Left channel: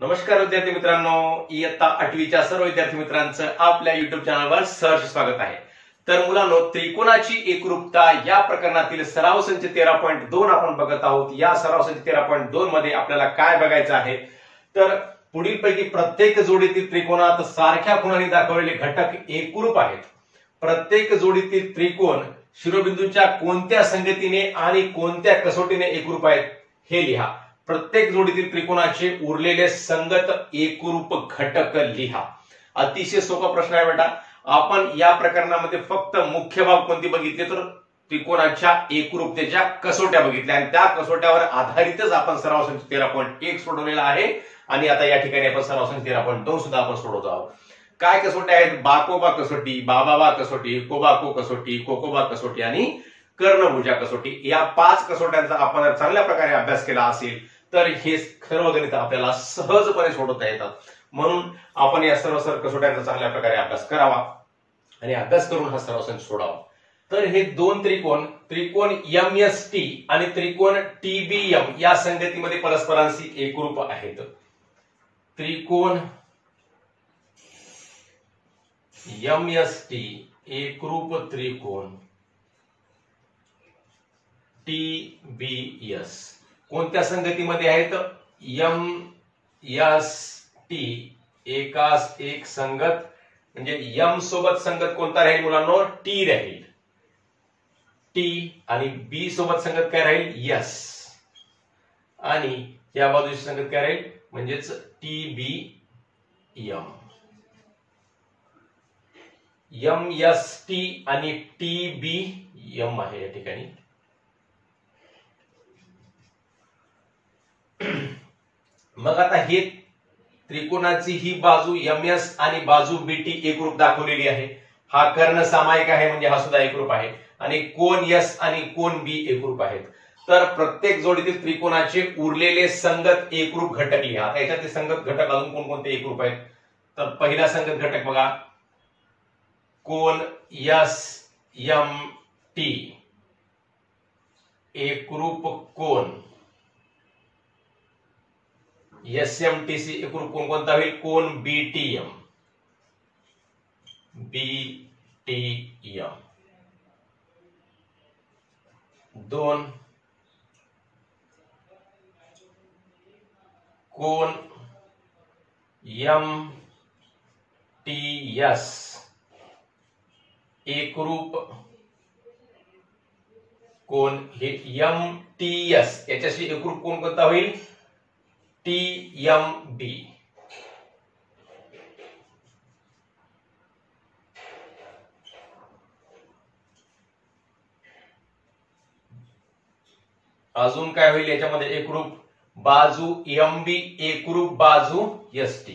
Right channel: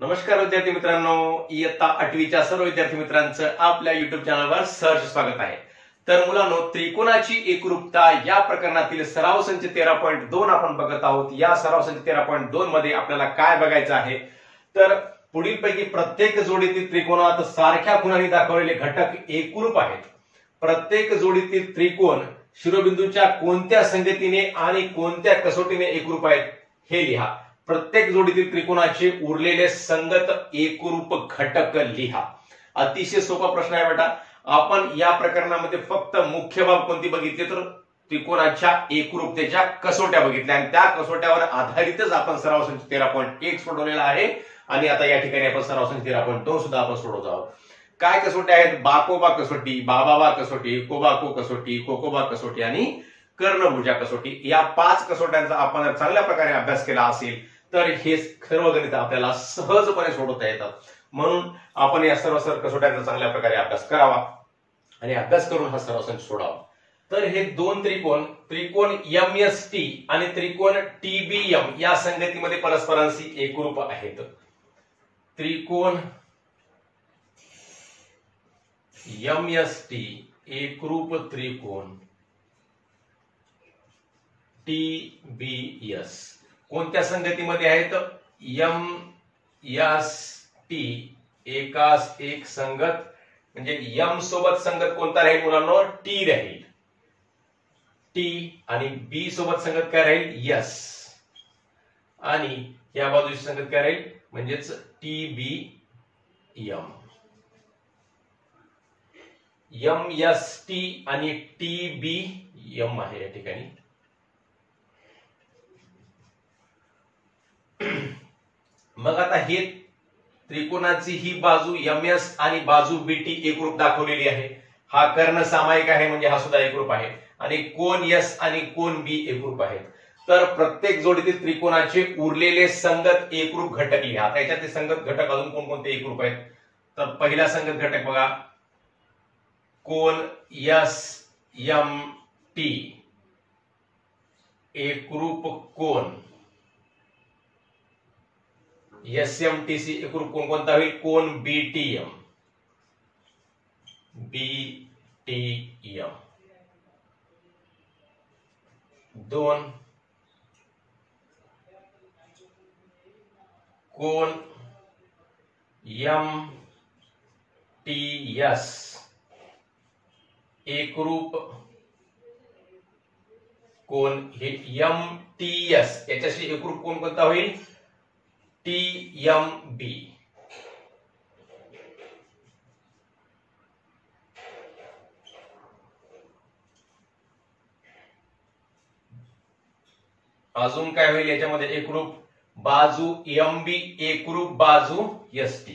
नमस्कार विद्यार्थी मित्रांनो, इयत्ता 8वीच्या सर्व विद्यार्थी मित्रांचं आपल्या युट्यूब चॅनलवर सहर्ष स्वागत आहे। तर मुलांनो, त्रिकोणाची एकरूपता या प्रकरणातील सराव संच 13.2 आपण बघत आहोत। या सराव संच 13.2 मध्ये आपल्याला काय बघायचं आहे तर पुढीलपैकी प्रत्येक जोडीतील त्रिकोणात सारख्या खुणांनी दाखवलेले घटक एकरूप आहेत। प्रत्येक जोडीतील त्रिकोण शिरोबिंदूच्या कोणत्या संगतीने आणि कोणत्या कसोटीने एकरूप आहेत हे लिहा। प्रत्येक जोडीतील त्रिकोणाचे उरलेले संगत एकरूप घटक लिहा। अतिशय सोपा प्रश्न आहे बेटा। आपण या प्रकरणामध्ये फक्त मुख्य बाब कोणती बघितली तर त्रिकोणाच्या एकरूपतेच्या कसोट्या बघितल्या आणि त्या कसोट्यावर आधारितच आपण सराव संच 13.1 सोडवलेला आहे आणि आता या ठिकाणी आपण सराव संच 13.2 सुद्धा आपण सोडवत आहोत। काय कसोट्या आहेत? बाकोबा कसोटी, बाबाबा कसोटी, कोबाको कसोटी, कोकोबा कसोटी आणि कर्णभुजा कसोटी। या 5 कसोट्यांचा आपण जर चांगल्या प्रकारे अभ्यास केला असेल तर हे सर्व गणित आपल्याला सहजपणे सोडवता येतात। म्हणून आपण या सर्व कसोट्यांचा चांगल्या प्रकारे अभ्यास करावा आणि अभ्यास करून हा सराव संच सोडावा। तर हे दोन त्रिकोण MST आणि त्रिकोण TBM या संगतीमध्ये परस्परांशी एकरूप आहेत। त्रिकोण MST एकरूप त्रिकोण TBS कोणत्या संगतीमध्ये आहेत? MST एकास एक संगत म्हणजे M सोबत संगत कोणता राहील मुलांनो? T राहील। T आणि B सोबत संगत काय राहील? S आणि या बाजूची संगत काय राहील? म्हणजेच TBM। MST आणि TBM आहे या ठिकाणी। मग आता हे त्रिकोणाची ही बाजू MS आणि बाजू BT एकरूप दाखवलेली आहे। हा कर्ण सामायिक आहे म्हणजे हा सुद्धा एकरूप आहे आणि कोन S आणि कोन B एकरूप आहेत। तर प्रत्येक जोडीतील त्रिकोणाचे उरलेले संगत एकरूप घटक लिहा। आता याच्यातले संगत घटक अजून कोणकोणते एकरूप आहेत तर पहिला संगत घटक बघा, कोन SMT एकरूप कोन SMTC एकरूप कोण कोणता होईल? कोन BTM। दोन कोन MTS एकरूप कोण हे MTS याच्याशी एकरूप कोण कोणता होईल? TMB। अजून काय होईल याच्यामध्ये एकरूप? बाजू MB एकरूप बाजू ST।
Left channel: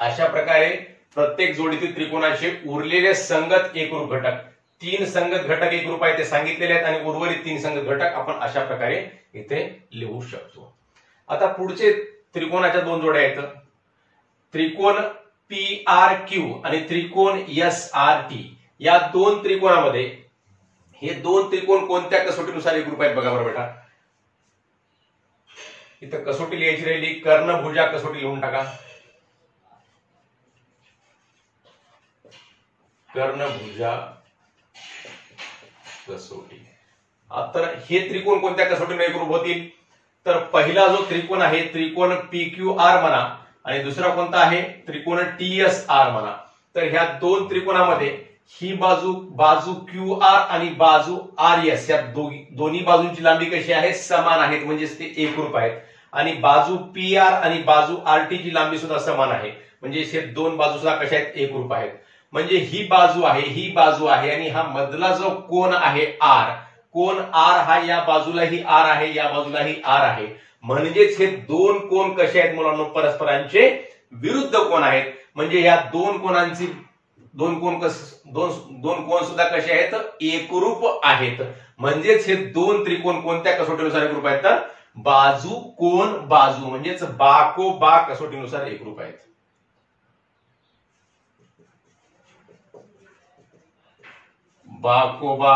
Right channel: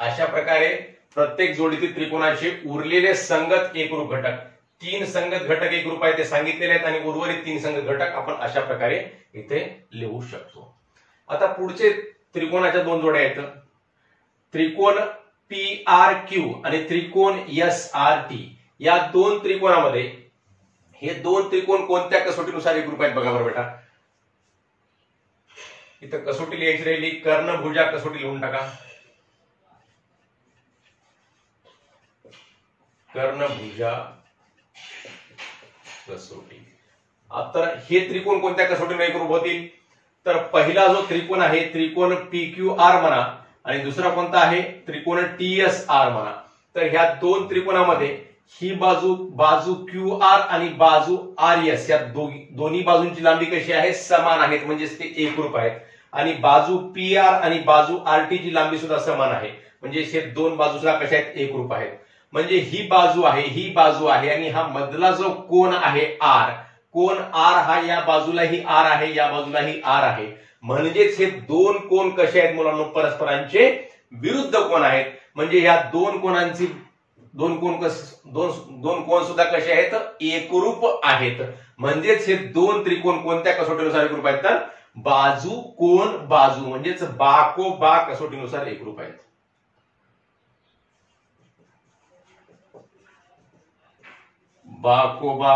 अशा प्रकारे प्रत्येक जोडीतील त्रिकोणाचे उरलेले संगत एकरूप घटक 3 संगत घटक एकरूप आहेत ते सांगितलेले आहेत आणि उर्वरित 3 संगत घटक आपण अशा प्रकारे इथे लिहू शकतो। आता पुढचे त्रिकोणाच्या 2 जोड्या आहेत, त्रिकोण PRQ आणि त्रिकोण SRT। या 2 त्रिकोणामध्ये हे 2 त्रिकोण कोणत्या कसोटीनुसार एकरूप आहेत बघा बरं बेटा। इथं कसोटी लिहायची राहिली, कर्णभुजा कसोटी लिहून टाका। कर्णभुजा कसोटी। आता हे त्रिकोण कोणत्या कसोटीने एकरूप होतील तर पहिला जो त्रिकोण आहे त्रिकोण PQR म्हणा आणि दुसरा कोणता आहे? त्रिकोण TSR म्हणा। तर ह्या 2 त्रिकोणामध्ये ही बाजू QR आणि बाजू RS या दोन्ही बाजूंची लांबी कशी आहे? समान आहेत म्हणजेच ते एकरूप आहेत आणि बाजू PR आणि बाजू RT ची लांबी सुद्धा समान आहे म्हणजे हे 2 बाजू सुद्धा कशा आहेत? एकरूप आहेत। म्हणजे ही बाजू आहे आणि हा मधला जो कोन आहे R, कोन R हा या बाजूलाही R आहे या बाजूलाही R आहे म्हणजेच हे 2 कोन कसे आहेत मुलांनो? परस्परांचे विरुद्ध कोन आहेत। म्हणजे या 2 कोनांची दोन कोन सुद्धा कसे आहेत? एकरूप आहेत। म्हणजेच हे 2 त्रिकोण कोणत्या कसोटीनुसार एकरूप आहेत तर बाजू कोन बाजू म्हणजेच बाकोबा कसोटीनुसार एकरूप आहेत। बाकोबा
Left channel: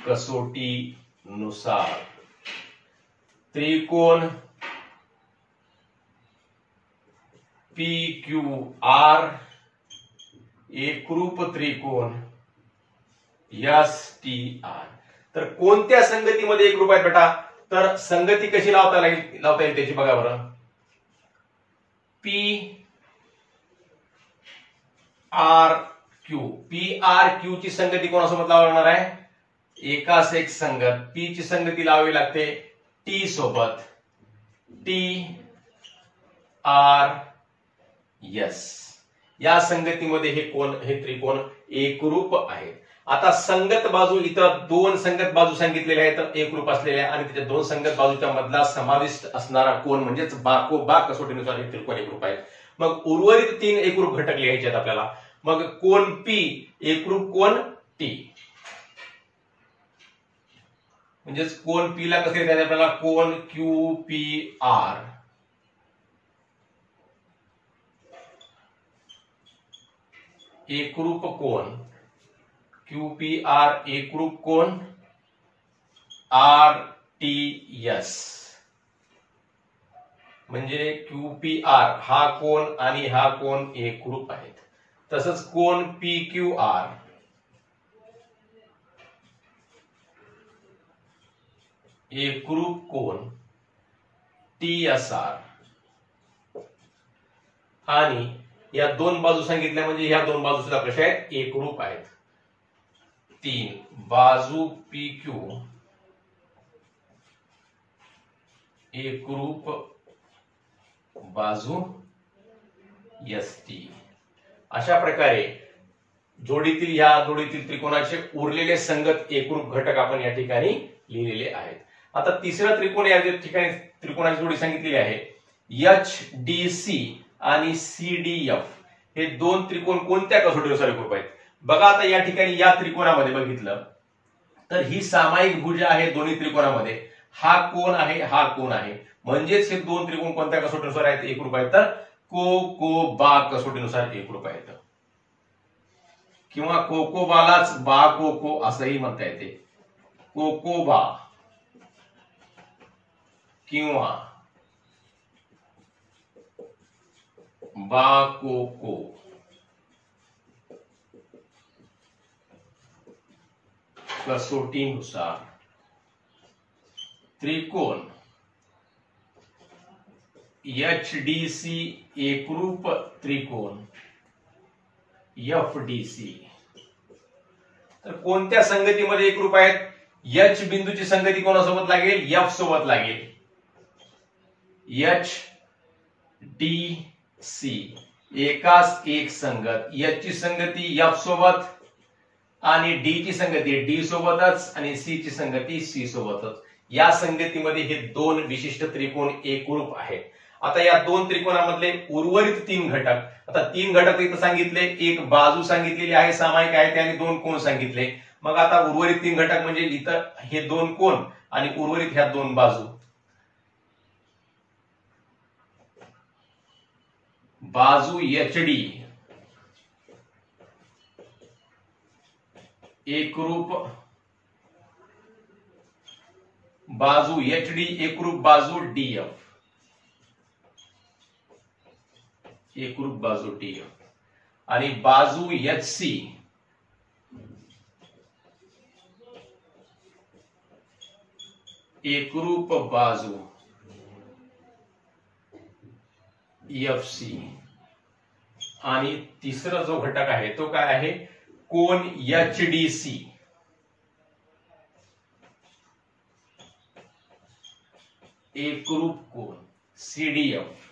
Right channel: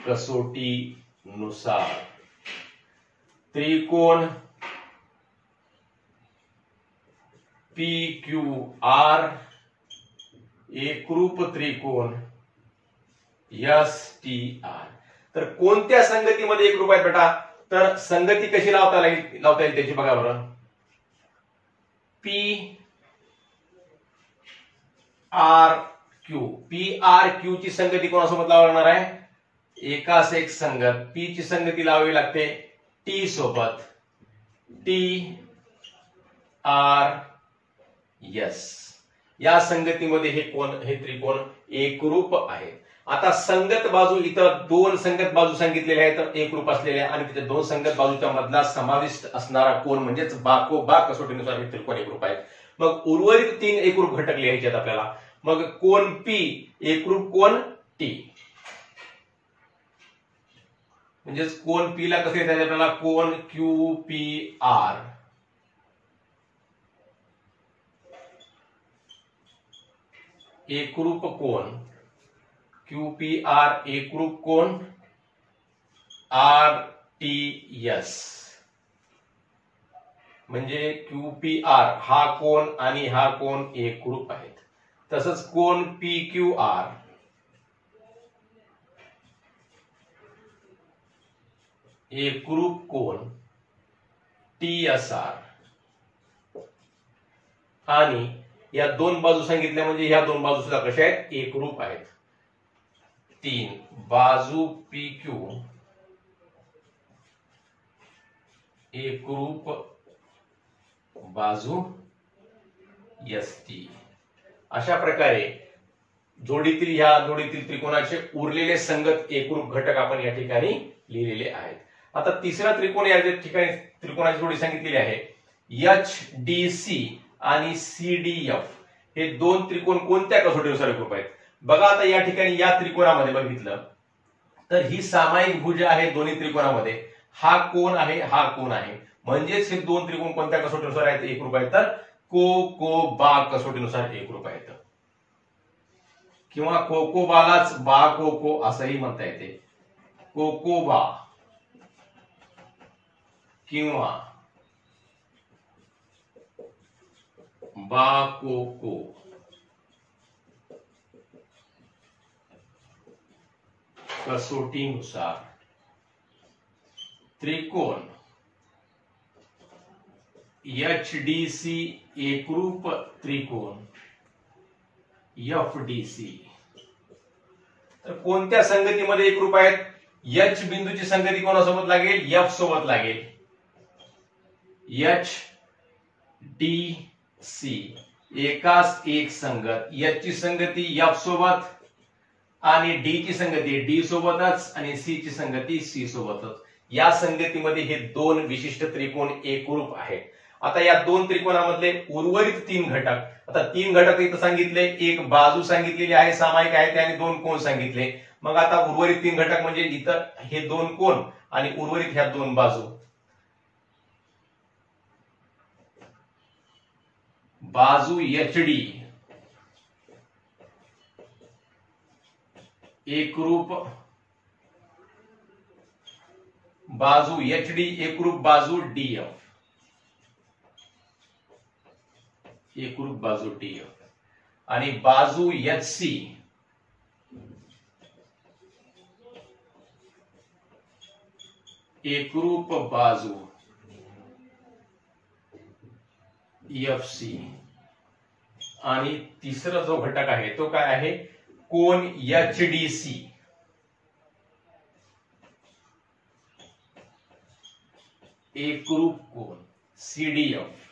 कसोटी नुसार त्रिकोण पी क्यू आर एकरूप त्रिकोण एस टी आर। तर कोणत्या संगतीमध्ये एकरूप आहेत बेटा? तर संगती कशी लावता येईल त्याची बघा बरं। पी आर क्यू ची संगती कोणासोबत लावावी लागणार आहे? एकास एक संगत पी ची संगती लावावी लागते टी सोबत, टी आर एस। या संगतीमध्ये हे त्रिकोण एकरूप आहे। आता संगत बाजू, इथं दोन संगत बाजू सांगितलेल्या आहेत एकरूप असलेल्या, आणि त्याच्या दोन संगत बाजूच्या मधला समाविष्ट असणारा कोण म्हणजेच बाकोबा कसोटीनुसार हे त्रिकोण एकरूप आहे। मग उर्वरित तीन एकरूप घटक लिहायचे आहेत आपल्याला। मग कोण पी एकरूप कोण टी, म्हणजेच कोण पी ला कसे लिहायचे आपल्याला? कोण क्यू पी आर एकरूप कोण, क्यू पी आर एकरूप कोण आर टी एस, म्हणजे क्यू पी आर हा कोण आणि हा कोण एकरूप आहेत। तसंच कोण पी क्यू आर एकरूप कोण टी एस आर, आणि या दोन बाजू सांगितल्या म्हणजे ह्या दोन बाजू सुद्धा कशा आहेत? एकरूप आहेत। तीन बाजू पी क्यू एकरूप बाजू एस टी। अशा प्रकारे जोडीतील त्रिकोणाचे उरलेले संगत एकरूप घटक आपण या ठिकाणी लिहिलेले आहेत। आता तिसरा त्रिकोण या ठिकाणी त्रिकोणाची जोडी सांगितलेली आहे एच डी सी आणि सी डी एफ। हे दोन त्रिकोण कोणत्या कसोटीनुसार एकरूप आहेत? बघा आता या ठिकाणी या त्रिकोणामध्ये बघितलं तर ही सामायिक भुजा आहे दोन्ही त्रिकोणामध्ये, हा कोण आहे हा कोण आहे, म्हणजेच हे दोन त्रिकोण कोणत्या कसोटीनुसार आहेत? एकरूप आहेत। तर कोकोबा कसोटीनुसार एकरूप आहेत, किंवा कोकोबालाच बा कोको असंही म्हणता येते। कोकोबा किंवा बा कोको कसोटीनुसार त्रिकोण एच डी सी एकरूप त्रिकोण एफ डी सी। तर कोणत्या संगतीमध्ये एकरूप आहेत? एच बिंदूची संगती कोणासोबत लागेल? एफ सोबत लागेल। एच डी सी एकास एक संगत, एच ची संगती एफ सोबत आणि डी ची संगती डी सोबतच आणि सी ची संगती सी सोबतच। या संगतीमध्ये हे दोन विशिष्ट त्रिकोण एकरूप आहेत। आता या दोन त्रिकोणामधले उर्वरित तीन घटक, आता तीन घटक इथं सांगितले, एक बाजू सांगितलेली आहे सामायिक आहे आणि दोन कोण सांगितले। मग आता उर्वरित तीन घटक म्हणजे इथं हे दोन कोण आणि उर्वरित ह्या दोन बाजू। बाजू एच डी एकरूप बाजू एच डी एकरूप बाजू डी एफ, एकरूप बाजू डी एफ, आणि बाजू एच सी एकरूप बाजू एफ सी, आणि तिसरा जो घटक आहे तो काय आहे? कोन एच डी सी एकरूप कोन सीडीएफ।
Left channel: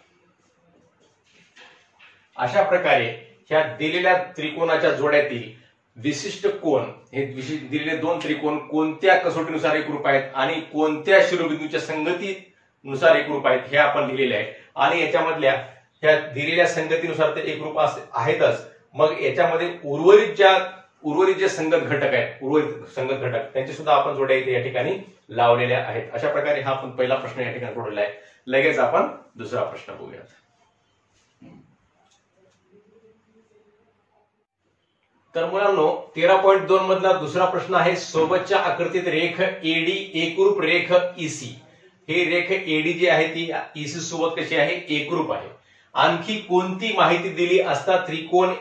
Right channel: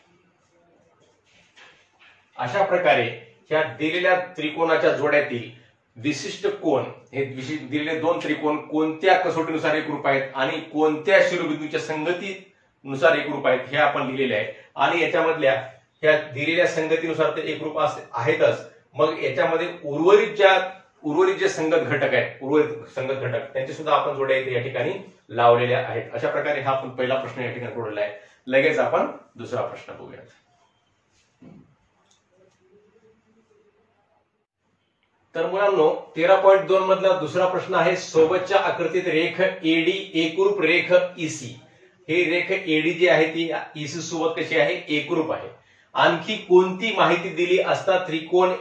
अशा प्रकारे ह्या दिलेल्या त्रिकोणाच्या जोड्यातील विशिष्ट कोन, हे दिलेले दोन त्रिकोण कोणत्या कसोटीनुसार एकरूप आहेत आणि कोणत्या शिरोबिंदूच्या संगतीनुसार एकरूप आहेत हे आपण लिहिलेले आहे। आणि याच्यामधल्या ह्या दिलेल्या संगतीनुसार ते एकरूप आहेतच। मग याच्यामध्ये उर्वरित जे संगत घटक आहेत, उर्वरित संगत घटक त्यांची सुद्धा आपण जोड्या इथे या ठिकाणी लावलेल्या आहेत। अशा प्रकारे हा आपण पहिला प्रश्न या ठिकाणी सोडवलेला आहे। लगेच आपण दुसरा प्रश्न बघूयात। तर मुलांनो 13.2 मधला दुसरा प्रश्न आहे, सोबतच्या आकृतीत रेख एडी एकरूप रेख ईसी. हे रेख एडी जी आहे ती ईसी सोबत कशी आहे, एकरूप आहे. आणखी कोणती माहिती दिली असता त्रिकोण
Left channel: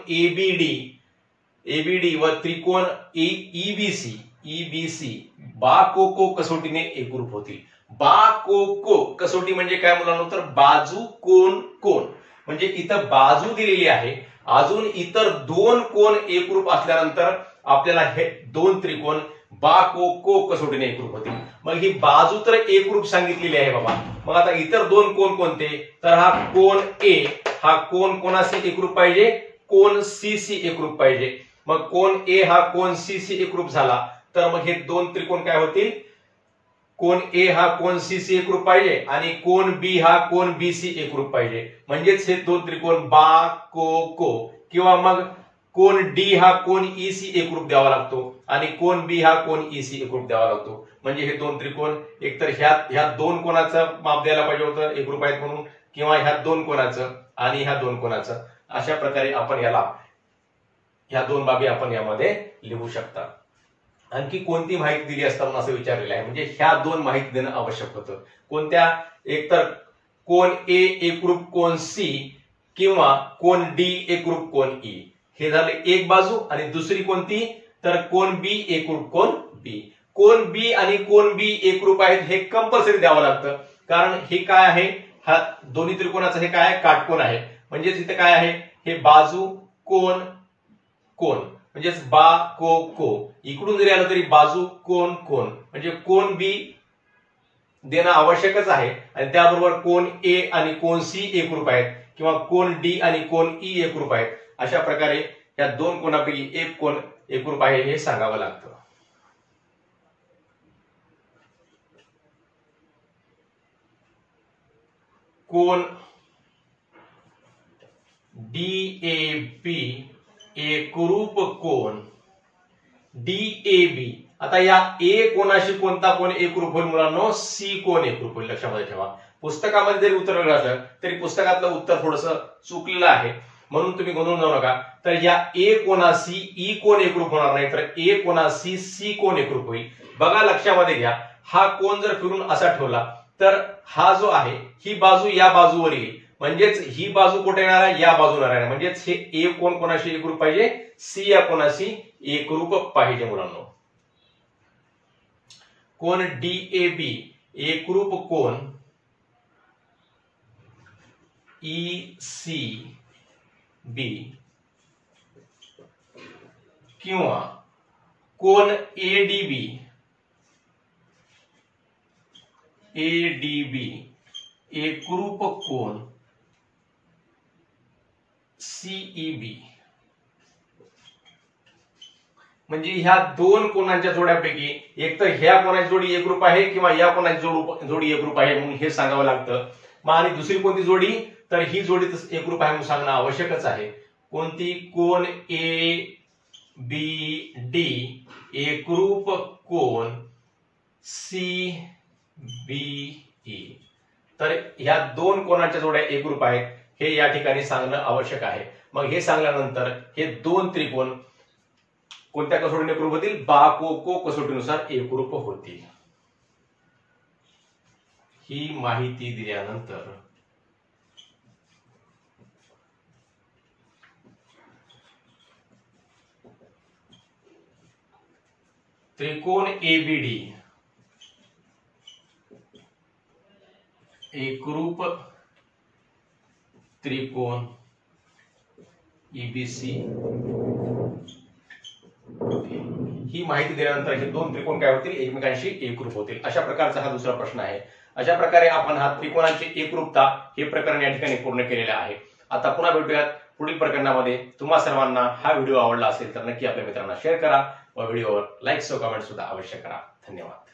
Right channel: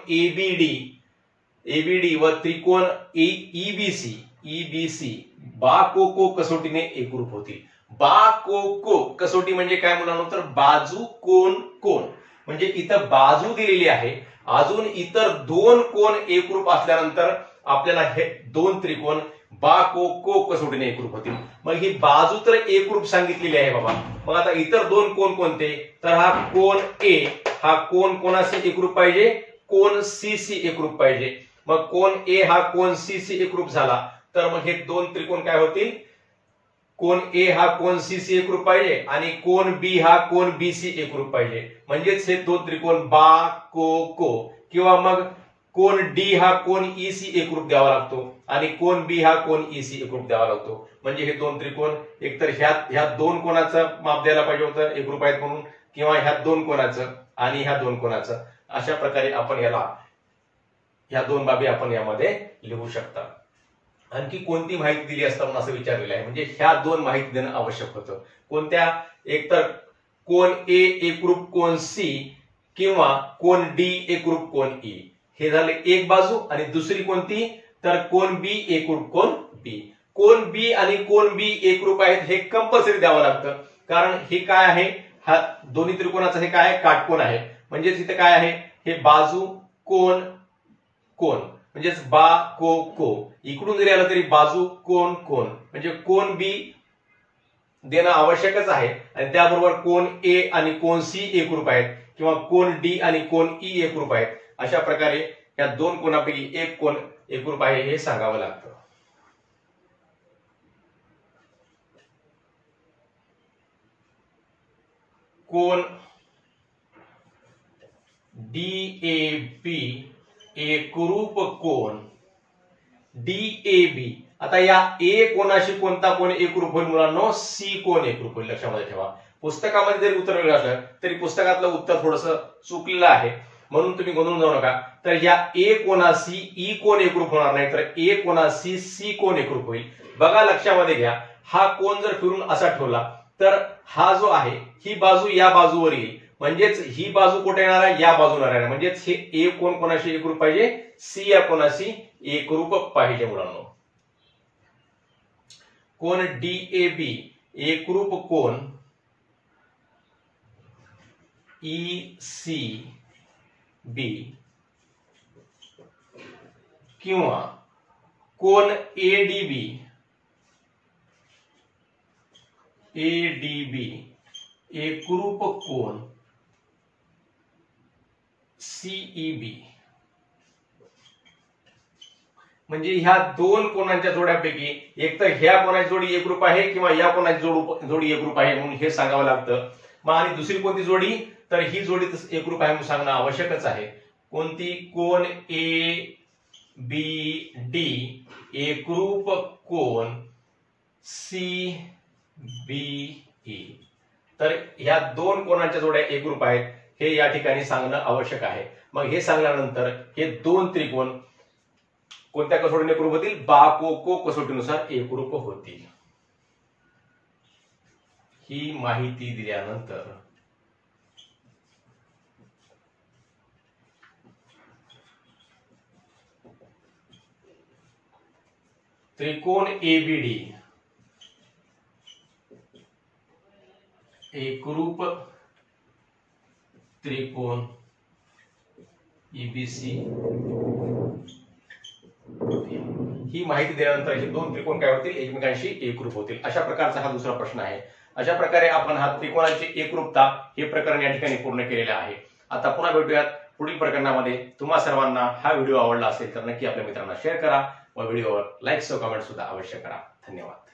एबीडी व त्रिकोण ईबीसी बा को कसोटीने एकरूप होतील. बा को कसोटी म्हणजे काय मुलांनो, तर बाजू कोण कोण, म्हणजे इथं बाजू दिलेली आहे, अजून इतर दोन कोण एकरूप असल्यानंतर आपल्याला हे दोन त्रिकोण बा को कसोटीने एकरूप होतील. मग ही बाजू तर एकरूप सांगितलेली आहे बाबा. मग आता इतर दोन कोण कोणते, तर हा कोण ए, हा कोण कोणाशी एकरूप पाहिजे, कोण सी सी एकरूप पाहिजे. मग कोण ए हा कोण सी सी एकरूप झाला तर मग हे दोन त्रिकोण काय होतील, कोण ए हा कोण सी सी एकरूप पाहिजे आणि कोण बी हा कोण बी सी एकरूप पाहिजे. म्हणजेच हे दोन त्रिकोण बा को किंवा मग कोण डी हा कोण ई सी एकरूप द्यावा लागतो आणि कोण बी हा कोण ई सी एकरूप द्यावा लागतो. म्हणजे हे दोन त्रिकोण एकतर ह्या दोन कोणाचं माप द्यायला पाहिजे होतं एकरूप आहेत म्हणून, किंवा ह्या दोन कोणाचं आणि ह्या दोन कोणाचं. अशा प्रकारे आपण ह्या दोन बाबी आपण यामध्ये लिहू शकता. आणखी कोणती माहिती दिली असता म्हणून असं विचारलेलं आहे, म्हणजे ह्या दोन माहिती देणं आवश्यक होतं. कोणत्या, एकतर कोण ए एकरूप कोण सी किंवा कोण डी एकरूप कोण ई, हे झाले एक बाजू. आणि दुसरी कोणती, तर कोण बी एकरूप कोण बी. कोण बी आणि कोण बी एकरूप आहेत हे कंपल्सरी द्यावं लागतं, कारण हे काय आहे, हा दोन्ही त्रिकोणाचा हे काय आहे, काटकोन आहे. म्हणजेच इथे काय आहे, हे बाजू कोण कोण, म्हणजेच बा को इकडून जरी आलं तरी बाजू कोण कोण, म्हणजे कोण बी देणं आवश्यकच आहे. आणि त्याबरोबर कोण ए आणि कोण सी एकरूप आहेत किंवा कोण डी आणि कोण ई एकरूप आहेत. अशा प्रकारे या दोन कोणापैकी एक कोण एकरूप आहे हे सांगावं लागतं. कोण डीएबी एकरूप कोण डीएबी. आता या ए कोणाशी कोणता कोण एकरूप होईल मुलांनो, सी कोण एकरूप होईल. लक्षामध्ये ठेवा, पुस्तकामध्ये जरी उत्तर वेगळं असलं तरी पुस्तकातलं उत्तर थोडंसं चुकलेलं आहे, म्हणून तुम्ही गोंधळून जाऊ नका. तर या ए कोणाशी ई कोण एकरूप होणार नाही, तर ए कोणाशी सी कोण एकरूप होईल. बघा लक्षामध्ये घ्या, हा कोण जर फिरून असा ठेवला तर हा जो आहे ही बाजू या बाजूवर येईल, म्हणजेच ही बाजू कुठे येणार आहे, या बाजूला येणार. म्हणजेच हे ए कोण कोणाशी एकरूप पाहिजे, सी या कोणाशी एकरूप पाहिजे मुलांनो. कोण डीएबी एकरूप कोण ई सी बी किंवा कोण एडीबी एकरूप कोण सीईबी. म्हणजे ह्या दोन कोणांच्या जोड्यापैकी एक तर ह्या कोणाची जोडी एकरूप आहे किंवा या कोणाची जोडी एकरूप आहे म्हणून हे सांगावं लागतं. मग आणि दुसरी कोणती जोडी, तर ही जोडी एकरूप आहे म्हणून सांगणं आवश्यकच आहे. कोणती, कोण ए बी डी एकरूप कोण सी बी ई. तर ह्या दोन कोणाच्या जोड्या एकरूप आहेत हे या ठिकाणी सांगणं आवश्यक आहे. मग हे सांगल्यानंतर हे दोन त्रिकोण कोणत्या कसोटीने एकरूप होतील, बा को कसोटीनुसार एकरूप होतील. ही माहिती दिल्यानंतर त्रिकोण एबीडी एकरूप त्रिकोण ईबीसी, ही माहिती दिल्यानंतर हे दोन त्रिकोण काय होतील, एकमेकांशी एकरूप होतील. अशा प्रकारचा हा दुसरा प्रश्न आहे. अशा प्रकारे आपण हा त्रिकोणाची एकरूपता हे प्रकरण या ठिकाणी पूर्ण केलेलं आहे. आता पुन्हा भेटूयात पुढील प्रकरणामध्ये. तुम्हा सर्वांना हा व्हिडिओ आवडला असेल तर नक्की आपल्या मित्रांना शेअर करा व व्हिडिओवर लाईक व कमेंट सुद्धा अवश्य करा. धन्यवाद.